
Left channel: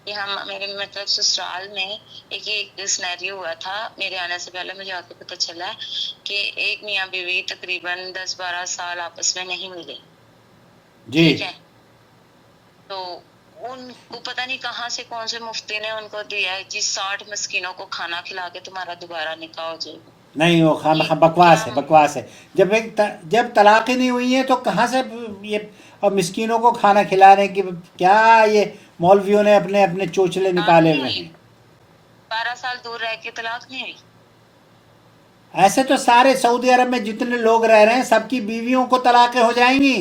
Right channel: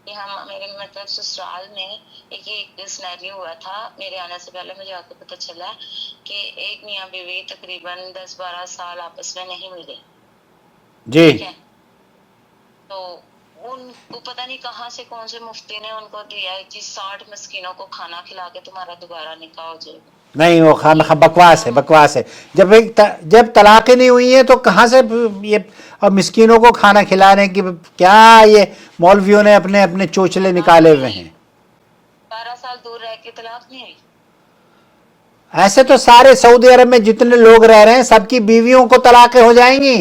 کہ میرے مطلب سسرال میں ایک سینیریو ہوا تھا میرے آنے سے پہلے, مجھے آ کے پتہ چلا کہ ایک میاں بیوی تقریباً 10-12 سال آپس میں نہیں ملے. جی ٹھیک ہے, تو ان کو پتہ نہیں کہاں سے کون سے مفتی نے ان کو دیا ہے جی 60 مسکینوں کو کھانا کھلا کے تمہارا دوبارہ نکاح ہو جائے گا. نہیں, وہ بکواس ہے. جب طلاقیں نہیں ہوئی ہیں تو کہاں سے یہ مسکینوں کو کھانا کھلانے کی, کیا یہ مولویوں نے اپنے چوچلے نکالے ہوئے ہیں. 12 سال دور رہ کے طلاق نہیں ہوئی. ایسے تو سارے سعودی عرب میں جتنے لوگ رہ رہے ہیں سب کی بیویوں کو طلاقیں ہو جائیں گی.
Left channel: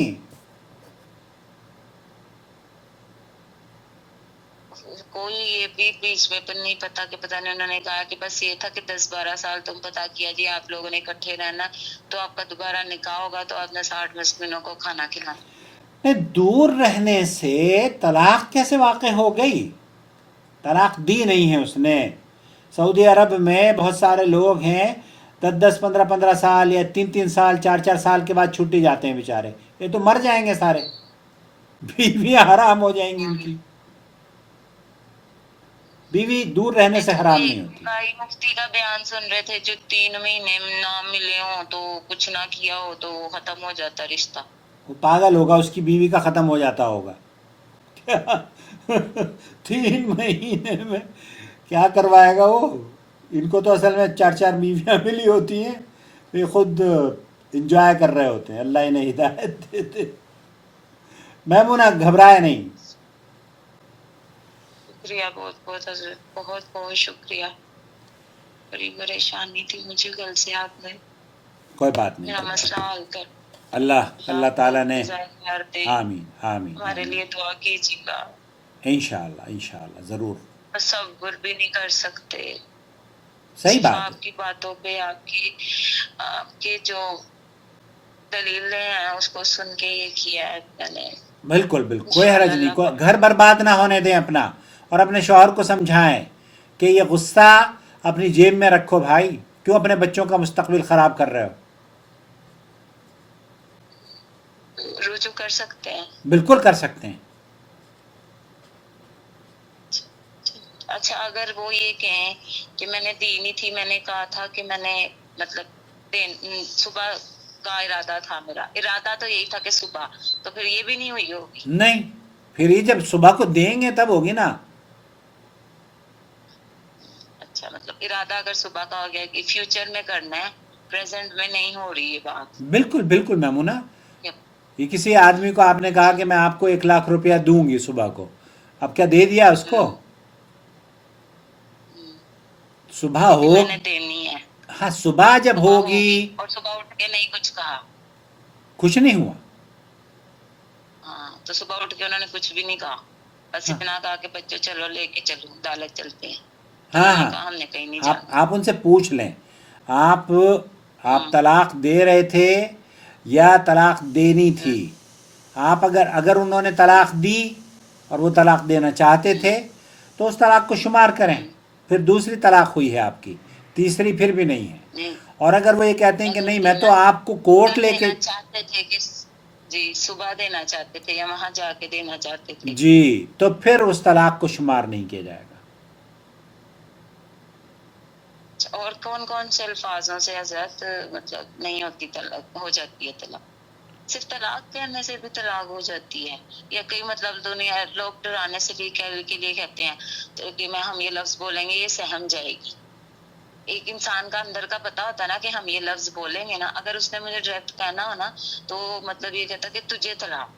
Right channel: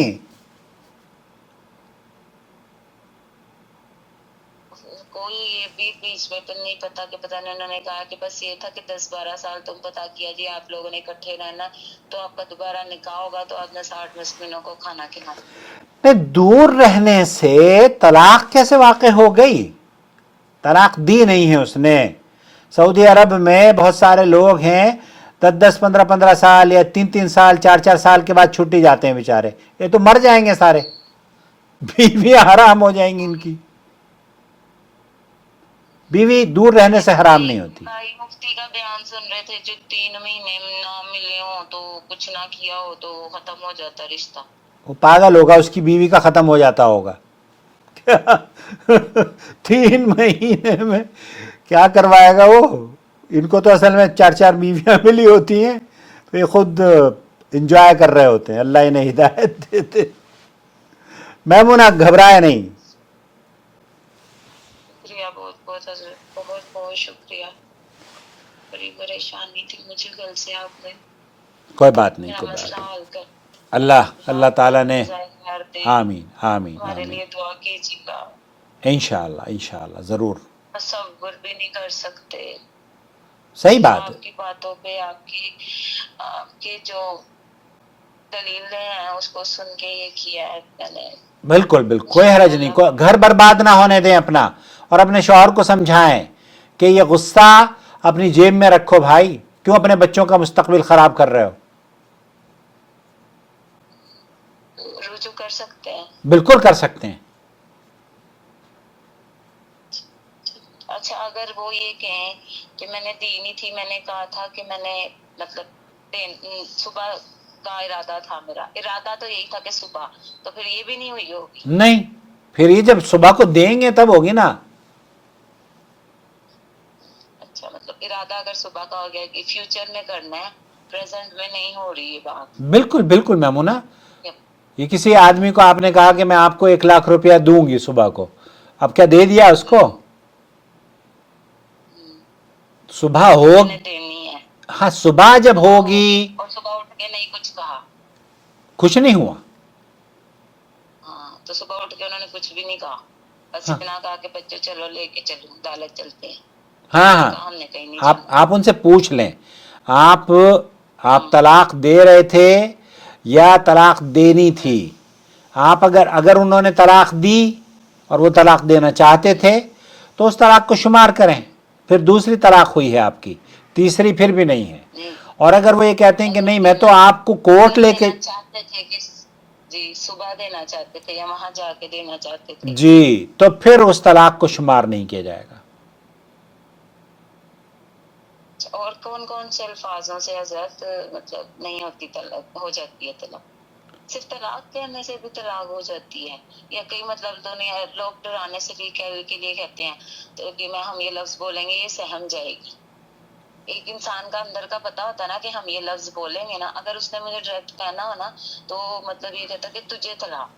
کوئی یہ بھی بیچ میں نہیں پتا کہ پتہ نہیں, انہوں نے کہا کہ بس یہ تھا کہ 10-12 سال تم پتا کیا جی آپ لوگوں نے اکٹھے رہنا تو آپ کا دوبارہ نکاح ہوگا تو آپ نے 60 مسکینوں کو کھانا کھلانا. نہیں، دور رہنے سے طلاق کیسے واقع ہو گئی؟ طلاق دی نہیں ہے اس نے. سعودی عرب میں بہت سارے لوگ ہیں 10 10 15 15 سال یا 3 3 سال 4 4 سال کے بعد چھٹی جاتے ہیں بیچارے. یہ تو مر جائیں گے سارے، بیویاں حرام ہو جائیں گی ان کی. بیوی دور رہنے سے حرام نہیں ہوتی. بھائی مفتی کا بیان سن رہے تھے، جو 3 مہینے نہ ملے ہوں تو کچھ نہ کیا ہو تو ختم ہو جاتا رشتہ. وہ پاگل ہوگا، اس کی بیوی کا ختم ہو جاتا ہوگا. 3 مہینے میں کیا کروائے گا وہ؟ ان کو تو اصل میں 4 4 بیویاں ملی ہوتی ہیں، تو یہ خود انجوائے کر رہے ہوتے ہیں. اللہ انہیں ہدایت دیتے. میمونہ گھبرائے نہیں. شکریہ، بہت بہت حضرت، بہت بہت شکریہ. بڑی پریشانی تھی مجھے، کل سے آپ نے کوئی بات نہیں، میرا کوئی بات مسئلہ نہیں. حل کر. اللہ تعالیٰ نے ظاہر دے، آمین آمین ہمارے آمین. لیے دعا کیجیے گا. انشاءاللہ ضرور. تصور بھی نہیں کر سکتے. صحیح بات ہے. آپ کی باتوں پہ، آپ کے جو دلیلیں ہیں اس کو سن کے یہ کیا ہے میں نے. بالکل بالکل، کوئی حرج نہیں. گھر برباد نہ ہونے دیں اپنا، اور اپنے شوہر کو سمجھائیں کہ یہ غصہ اپنی جیب میں رکھو بھائی، کیوں اپنے بچوں کا مستقبل خراب کر رہے ہو؟ رجوع کر سکتے ہیں. بالکل کر سکتے ہیں. اچھا، اگر وہ یہ کہیں کہ میں نے دی نہیں تھی، میں نے کہا تھا کہ میں نے مطلب صبح کا ارادہ تھا، میرا ارادہ تو یہی تھا کہ صبح، تو پھر یہ بھی نہیں ہوئی ہوگی. نہیں، پھر یہ جب صبح کو دیں گے تب ہوگی نا. اچھا، مطلب ارادہ اگر صبح کا ہو گیا کہ فیوچر میں کرنا ہے، پریزنٹ میں نہیں ہو رہی یہ بات. بالکل بالکل میمونہ. یہ کسی آدمی کو آپ نے کہا کہ میں آپ کو 1 لاکھ روپیہ دوں گی صبح کو، اب کیا دے دیا اس کو؟ صبح ہو، میں نے دینی ہے. ہاں صبح جب ہوگی. اور صبح اٹھ کے نہیں کچھ کہا. کچھ نہیں ہوا. ہاں، تو صبح اٹھ کے انہوں نے کچھ بھی نہیں کہا، بس اتنا کہا کہ بچے چلو لے کے چلو عدالت چلتے ہیں. ہاں ہاں، ہم نے کہیں نہیں جانا. آپ ان سے پوچھ لیں، آپ طلاق دے رہے تھے یا طلاق دینی تھی؟ آپ اگر انہوں نے طلاق دی اور وہ طلاق دینا چاہتے تھے تو اس طلاق کو شمار کریں. پھر دوسری طلاق ہوئی ہے آپ کی، تیسری پھر بھی نہیں ہے. اور اگر وہ یہ کہتے ہیں کہ نہیں میں تو آپ کو کورٹ لے کے چاہتے تھے کہ جی صبح دینا چاہتے تھے یا وہاں جا کے دینا چاہتے تھے، جی، تو پھر اس طلاق کو شمار نہیں کیا جائے گا. اور کون کون سے الفاظوں سے حضرت مطلب نہیں ہوتی طلاق، ہو جاتی ہے طلاق؟ صرف طلاق کہنے سے بھی طلاق ہو جاتی ہے، یا کئی مطلب دنیا لوگ ڈرانے سے بھی کے لیے کہتے ہیں تو کہ میں ہم یہ لفظ بولیں گے یہ سہم جائے گی. ایک انسان کا اندر کا پتا ہوتا نا کہ ہم یہ لفظ بولیں گے نا، اگر اس نے مجھے ڈائریکٹ کہنا ہو نا تو مطلب یہ کہتا کہ تجھے طلاق،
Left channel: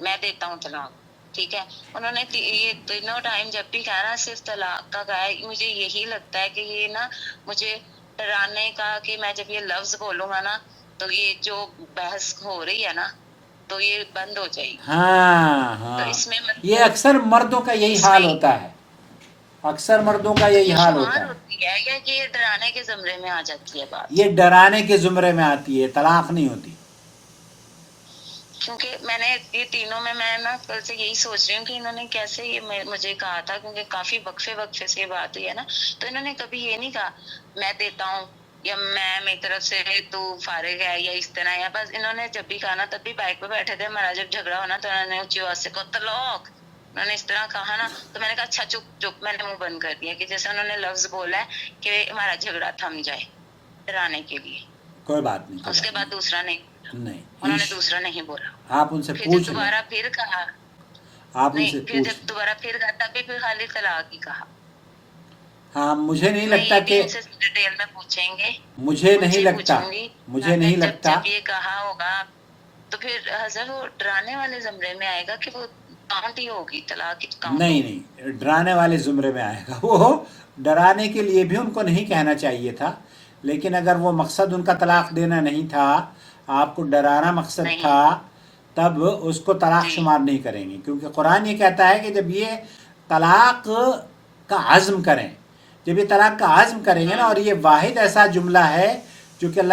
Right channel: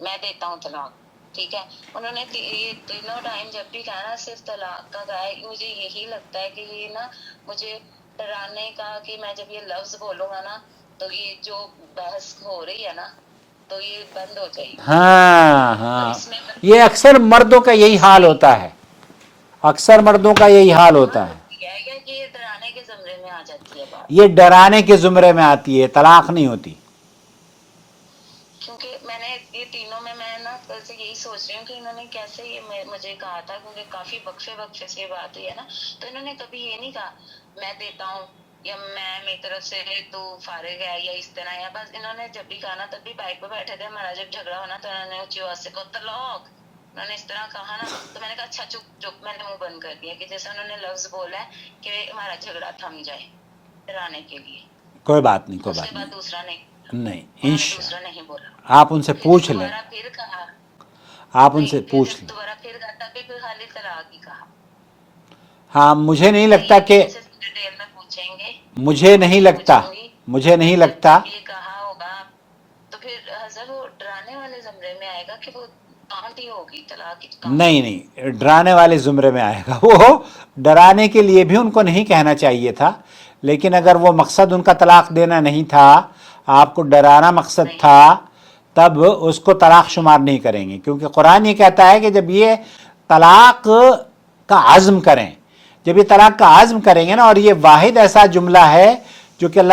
میں دیتا ہوں طلاق. ٹھیک ہے، انہوں نے یہ تینوں ٹائم جب بھی کہا نا صرف طلاق کا کہا ہے. مجھے یہی لگتا ہے کہ یہ نا مجھے ڈرانے کا، کہ میں جب یہ لفظ بولوں گا نا تو یہ جو بحث ہو رہی ہے نا تو یہ بند ہو جائے گی. ہاں تو ہاں، اس میں یہ اکثر مردوں کا یہی حال ہوتا ہے. اکثر مردوں کا یہی حال ہوتا ہے. یا کہ یہ ڈرانے کے زمرے میں آ جاتی ہے بات. یہ ڈرانے کے زمرے میں آتی ہے، طلاق نہیں ہوتی. کیونکہ میں نے یہ تینوں میں نا کل سے یہی سوچ رہی ہوں کہ انہوں نے کیسے یہ مجھے کہا تھا، کیونکہ کافی وقفے سے یہ بات ہوئی ہے نا، تو انہوں نے کبھی یہ نہیں کہا میں دیتا ہوں یا میں میری طرف سے تو فارغ ہے یا اس طرح. یا بس انہوں نے جب بھی کہا نا تب بھی بائک پہ بیٹھے تھے، ہمارا جب جھگڑا ہونا تو انہوں نے اونچی آواز سے کہا طلاق. انہوں نے اس طرح کہا نا تو میں نے کہا اچھا چپ چپ، میں نے منہ بند کر دیا کہ جیسے انہوں نے لفظ بولا ہے کہ ہمارا جھگڑا تھم جائے ڈرانے کے لیے. کوئی بات نہیں، کوئی اس کے بات بعد دوسرا نہیں، نہیں. انہوں نے دوسرا نہیں بولا. آپ ان سے پھر پوچھ جب لیں، دوبارہ پھر کہا، آپ ان نہیں سے پھر پوچھ جب لیں. دوبارہ پھر کہا تب بھی پھر خالی طلاق ہی کہا. ہاں، مجھے نہیں میں لگتا یہ بھی کہ ان سے ڈیٹیل میں پوچھیں گے، مجھے نہیں لگتا پوچھوں گی. مجھے نہیں لگتا جب یہ کہا ہوگا تو پھر حضرت وہ ڈرانے والے زمرے میں آئے گا کہ وہ کاؤنٹ ہی ہوگی طلاق کی کاؤنٹ. نہیں، ڈرانے والے زمرے میں آئے گا. وہ ڈرانے کے لیے بھی ان کو نہیں کہنا چاہیے تھا، لیکن اگر وہ مقصد ان کا طلاق دینا نہیں تھا، آپ کو ڈرانا مقصد تھا، تب اس کو طلاق شمار نہیں کریں گے. کیونکہ قرآن یہ کہتا ہے کہ جب یہ طلاق کا عزم کریں، جب یہ طلاق کا عزم کریں گے نا، اور یہ واحد ایسا جملہ ہے جو کہ اللہ